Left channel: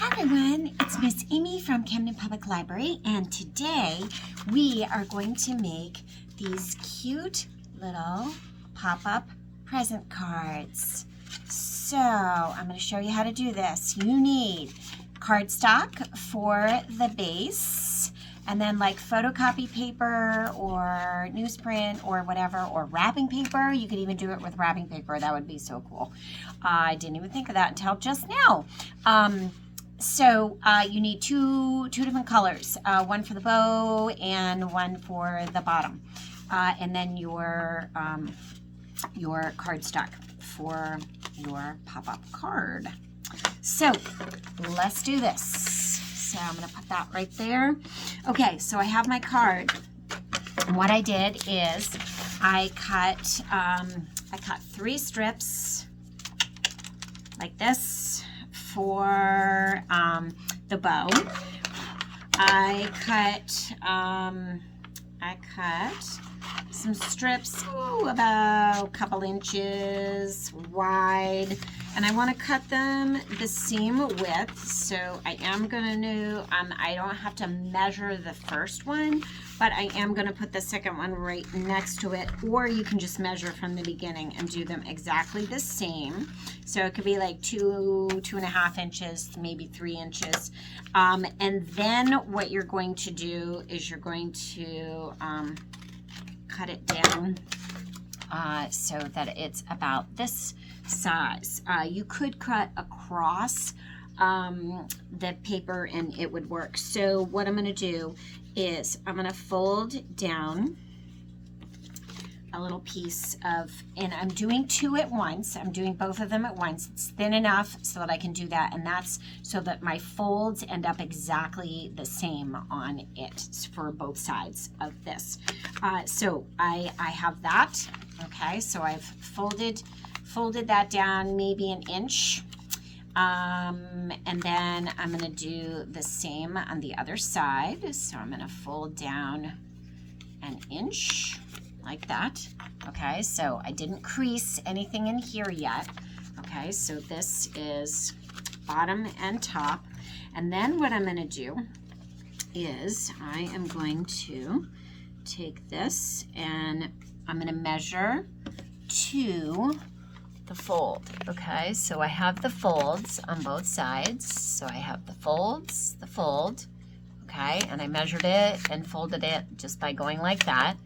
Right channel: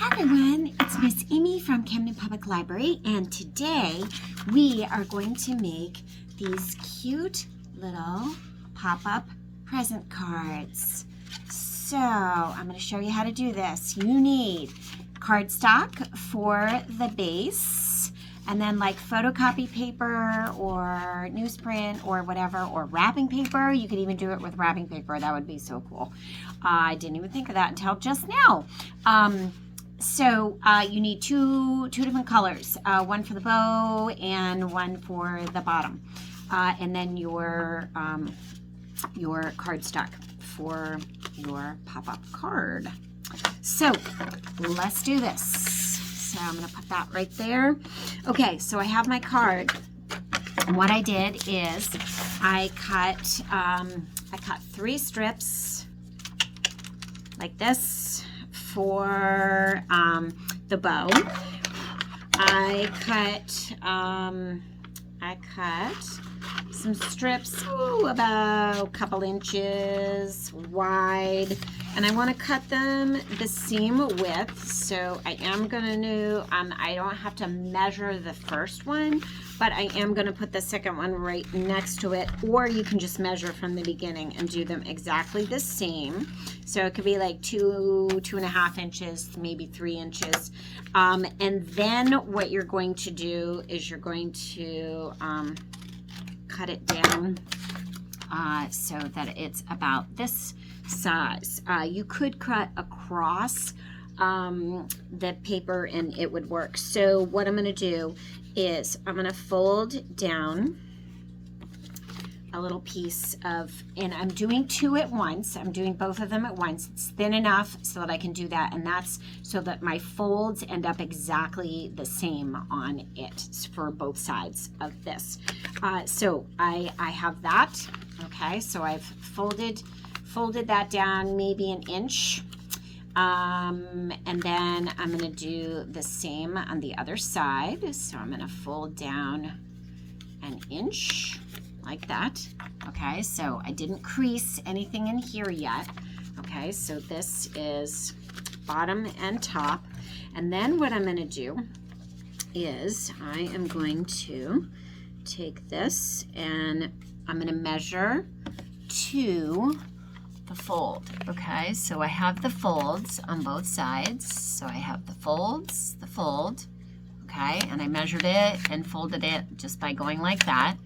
Hi everyone, it's Miss Amy from Camden Public Library, and today we are going to make these cute little pop-up present cards. So I'm going to show you how to do this. You need cardstock for the base, and then like photocopy paper or newsprint or whatever, or wrapping paper. You could even do it with wrapping paper. That would be so cool. I didn't even think of that until just now. So you need two different colors, one for the bow and one for the bottom, and then your cardstock for your pop-up card. So let's do this. So I'm going to put that right there. Okay, so I have my card, and what I did is I cut 3 strips like this for the bow. I cut some strips about a couple inches wide, and I want to cut them the same width. So I am going to, I don't have to measure the first one, but I am going to put the second one right next to it, or you can just measure from the beginning and do them exactly the same. So it could be like 2.5 inches, maybe 3 inches. And then what you're going to do is you're going to cut it down so that it's about this size. You could cut across the paper and it would work. So what I'm going to do is I'm going to fold down a little piece of, and I'm doing 2 at once. I'm doing both of them at once. It's thin enough so that I can do that, and that's so that my folds end up exactly the same on it for both sides of this. So I have that. Okay, so I've folded that down maybe an inch. And then I'm going to do the same on the other side. So I'm going to fold down an inch like that. Okay, so I didn't crease anything in here yet. Okay, so this is bottom and top. And then what I'm going to do is I am going to take this and I'm going to measure to the fold. Okay, so I have the folds on both sides. So I have the folds, the fold. Okay, and I measured it and folded it just by going like that.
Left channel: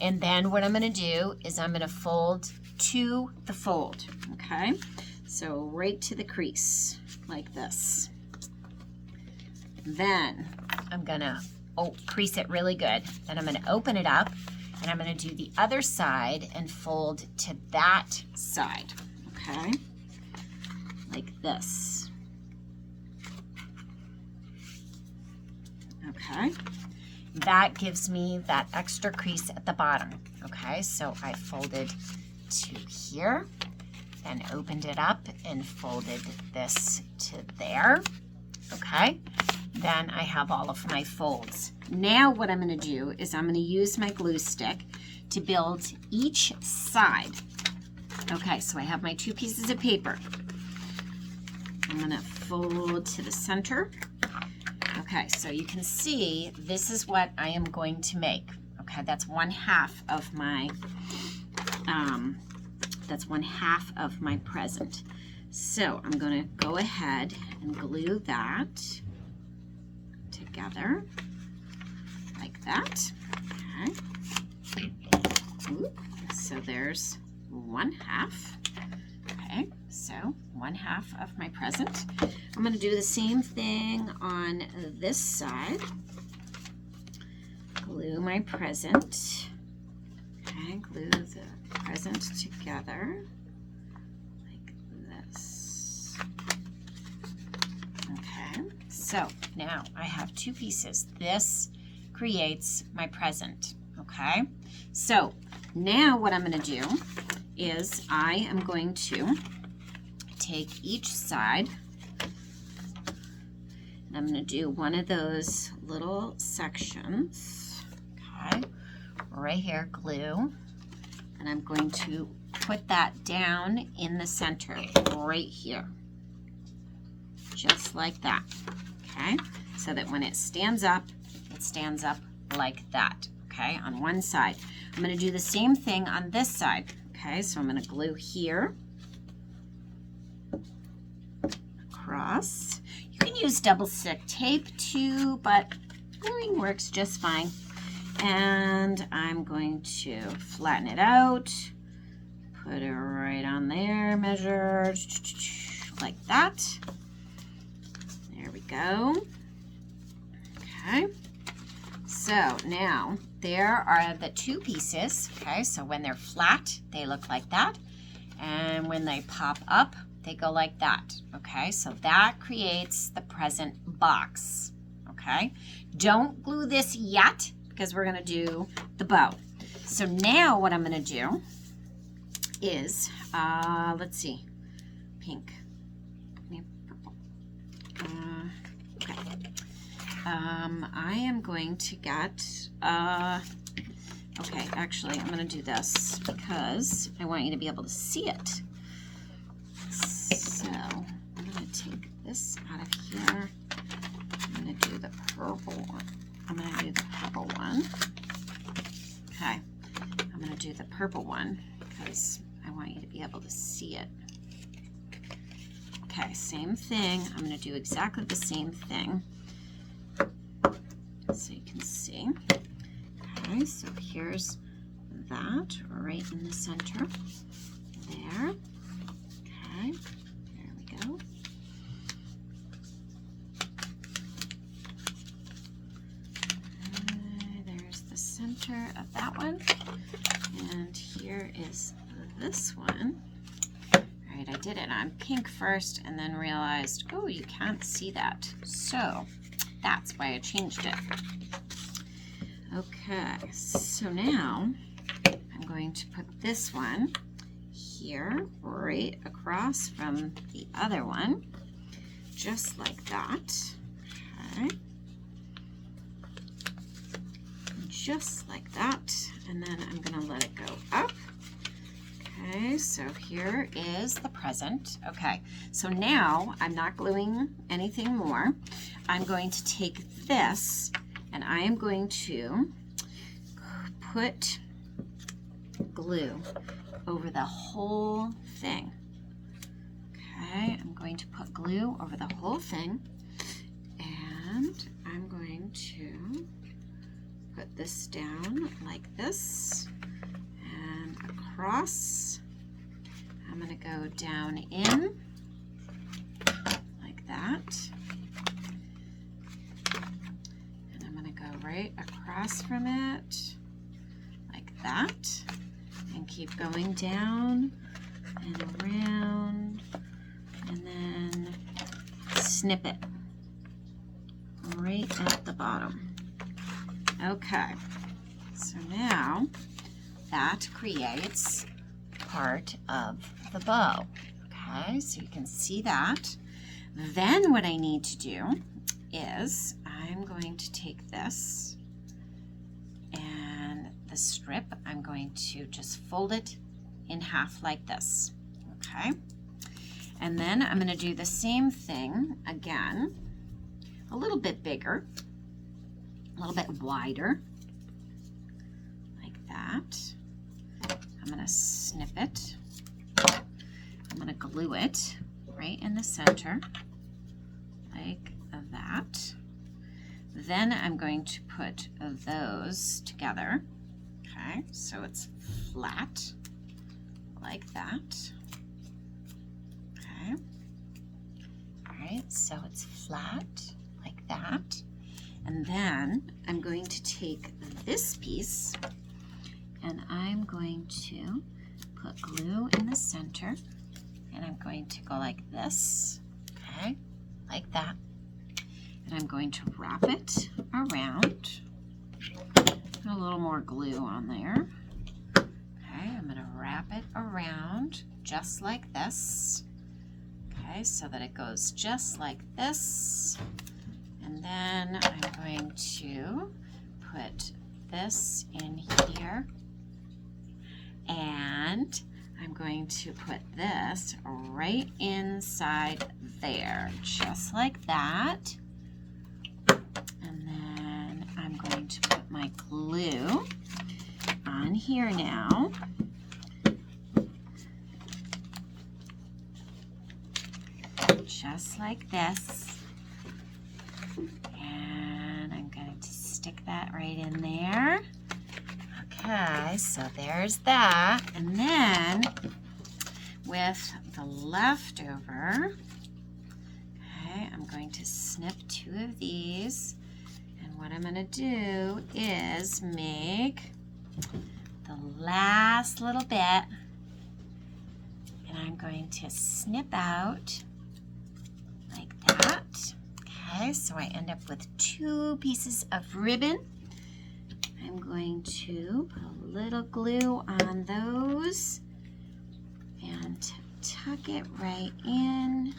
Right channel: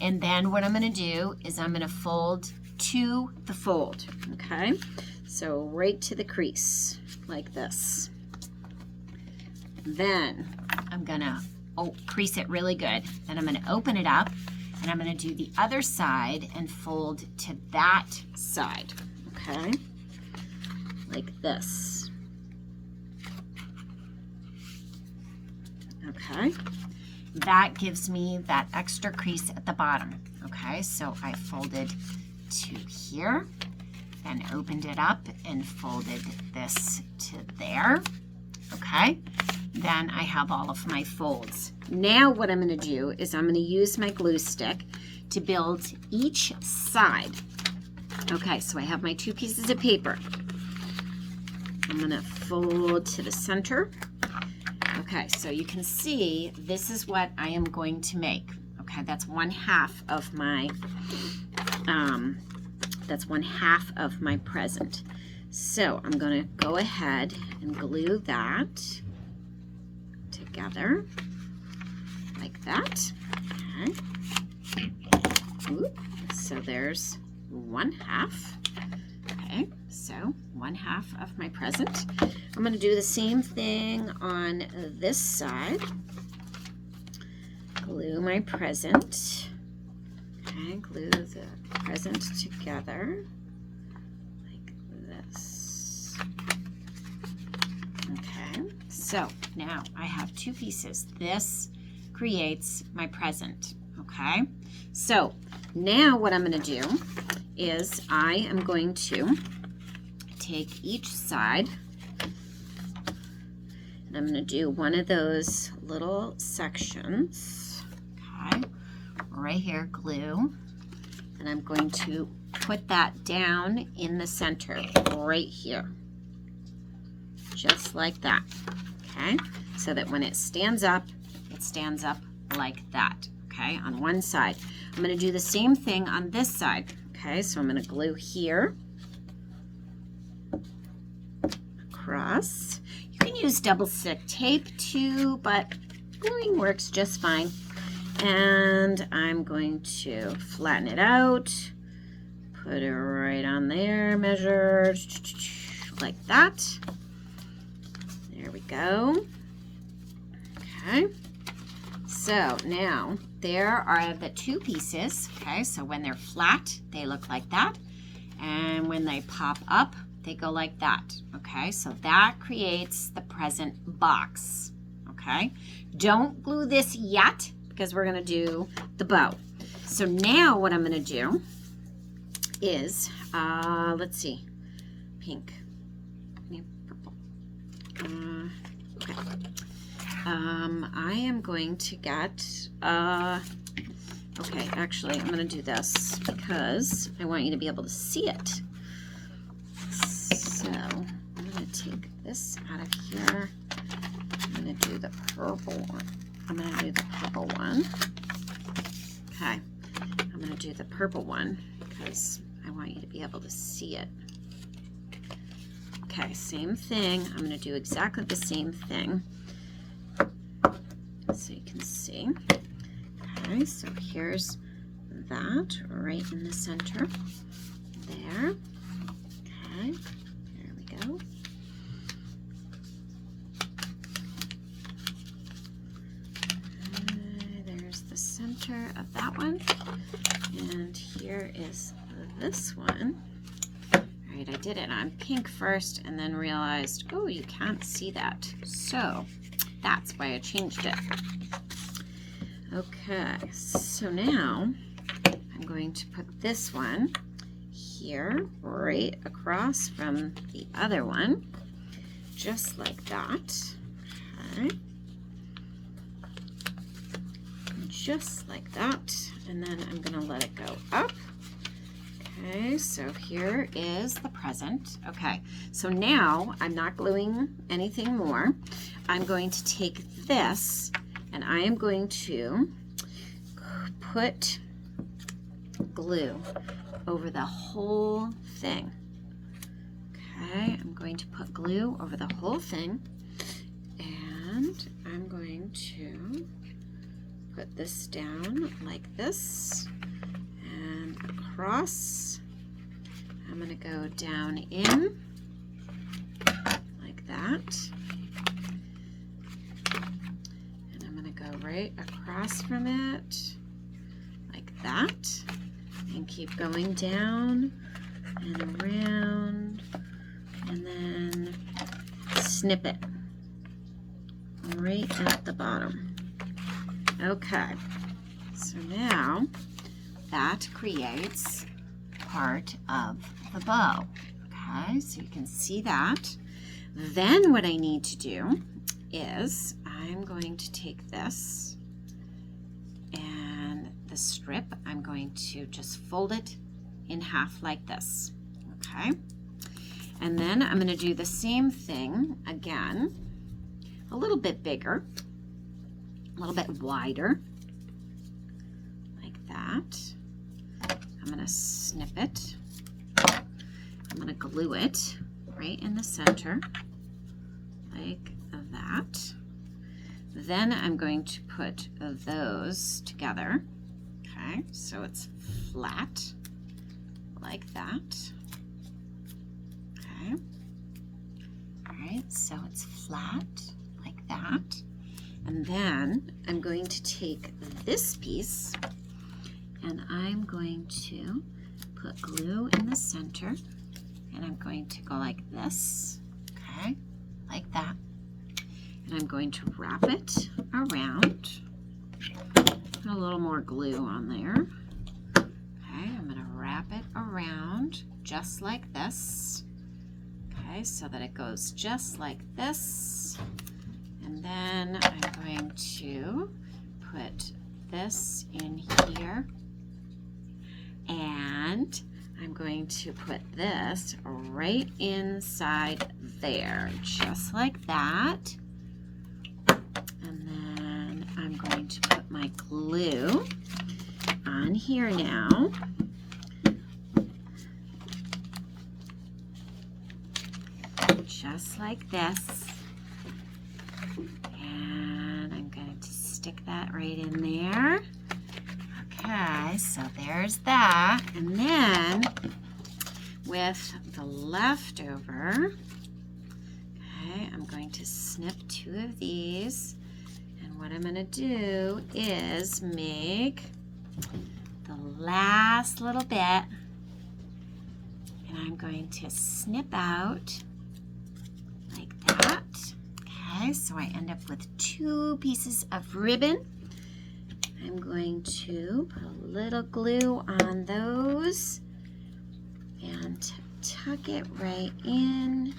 And then what I'm going to do is I'm going to fold to the fold. Okay, so right to the crease like this. Then I'm going to crease it really good. Then I'm going to open it up, and I'm going to do the other side and fold to that side. Okay, like this. Okay, that gives me that extra crease at the bottom. Okay, so I folded to here and opened it up and folded this to there. Okay, then I have all of my folds. Now what I'm going to do is I'm going to use my glue stick to build each side. Okay, so I have my 2 pieces of paper. I'm going to fold to the center. Okay, so you can see this is what I am going to make. Okay, that's 1/2 of my present. So I'm going to go ahead and glue that together like that. Okay. Ooh, so there's 1/2. Okay, so 1/2 of my present. I'm going to do the same thing on this side. Glue my present. Okay, glue the present together like this. Okay, so now I have 2 pieces. This creates my present. Okay, so now what I'm going to do is I am going to take each side, and I'm going to do one of those little sections. Okay, right here, glue, and I'm going to put that down in the center right here. just like that. Okay, so that when it stands up like that. Okay, on one side. I'm going to do the same thing on this side. Okay, so I'm going to glue here, across. You can use double stick tape too, but gluing works just fine. And I'm going to flatten it out, put it right on there, measure like that. There we go. Okay, so now there are the two pieces. Okay, so when they're flat, they look like that. And when they pop up, they go like that. Okay, so that creates the present box. Okay, don't glue this yet because we're gonna do the bow. So now what I'm gonna do is, let's see, pink, purple. Okay. I am going to get, okay, actually, I'm going to do this because I want you to be able to see it. So, I'm going to take this out of here. I'm going to do the purple one. I'm going to do the purple one. Okay, I'm going to do the purple one because I want you to be able to see it. Okay, same thing. I'm going to do exactly the same thing, so you can see. Okay, so here's that right in the center there. Okay, there we go. There's the center of that one, and here is this one. All right, I did it on pink first and then realized, oh, you can't see that, so that's why I changed it. Okay, so now I'm going to put this one here, right across from the other one, just like that. Okay, just like that, and then I'm going to let it go up. Okay, so here is the present. Okay, so now I'm not gluing anything more. I'm going to take this and I am going to put glue over the whole thing. Okay, I'm going to put glue over the whole thing, and I'm going to put this down like this and across. I'm going to go down in like that. Right across from it like that, and keep going down and around, and then snip it right at the bottom. Okay, so now that creates part of the bow. Okay, so you can see that. Then what I need to do is I'm going to take this and the strip, I'm going to just fold it in half like this. Okay, and then I'm going to do the same thing again, a little bit bigger, a little bit wider, like that. I'm going to snip it. I'm going to glue it right in the center, like that. Then I'm going to put those together. Okay, so it's flat like that. Okay, all right, so it's flat like that. And then I'm going to take this piece and I'm going to put glue in the center, and I'm going to go like this, okay, like that. And I'm going to wrap it around. Put a little more glue on there. Okay, I'm going to wrap it around just like this. Okay, so that it goes just like this. And then I'm going to put this in here. And I'm going to put this right inside there, just like that. And then I'm going to put my glue on here now. Just like this. And I'm going to stick that right in there. Okay, so there's that. And then with the leftover, okay, I'm going to snip 2 of these. And what I'm going to do is make the last little bit. And I'm going to snip out like that. Okay, so I end up with 2 pieces of ribbon. I'm going to put a little glue on those and tuck it right in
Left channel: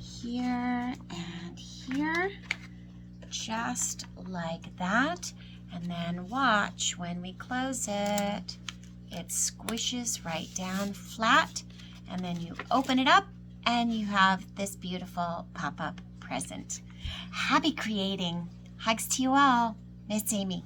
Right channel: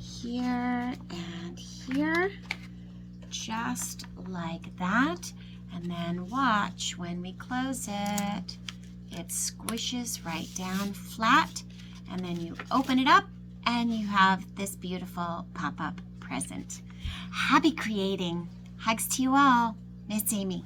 here and here, just like that. And then watch, when we close it, it squishes right down flat, and then you open it up and you have this beautiful pop-up present. Happy creating. Hugs to you all. Miss Amy.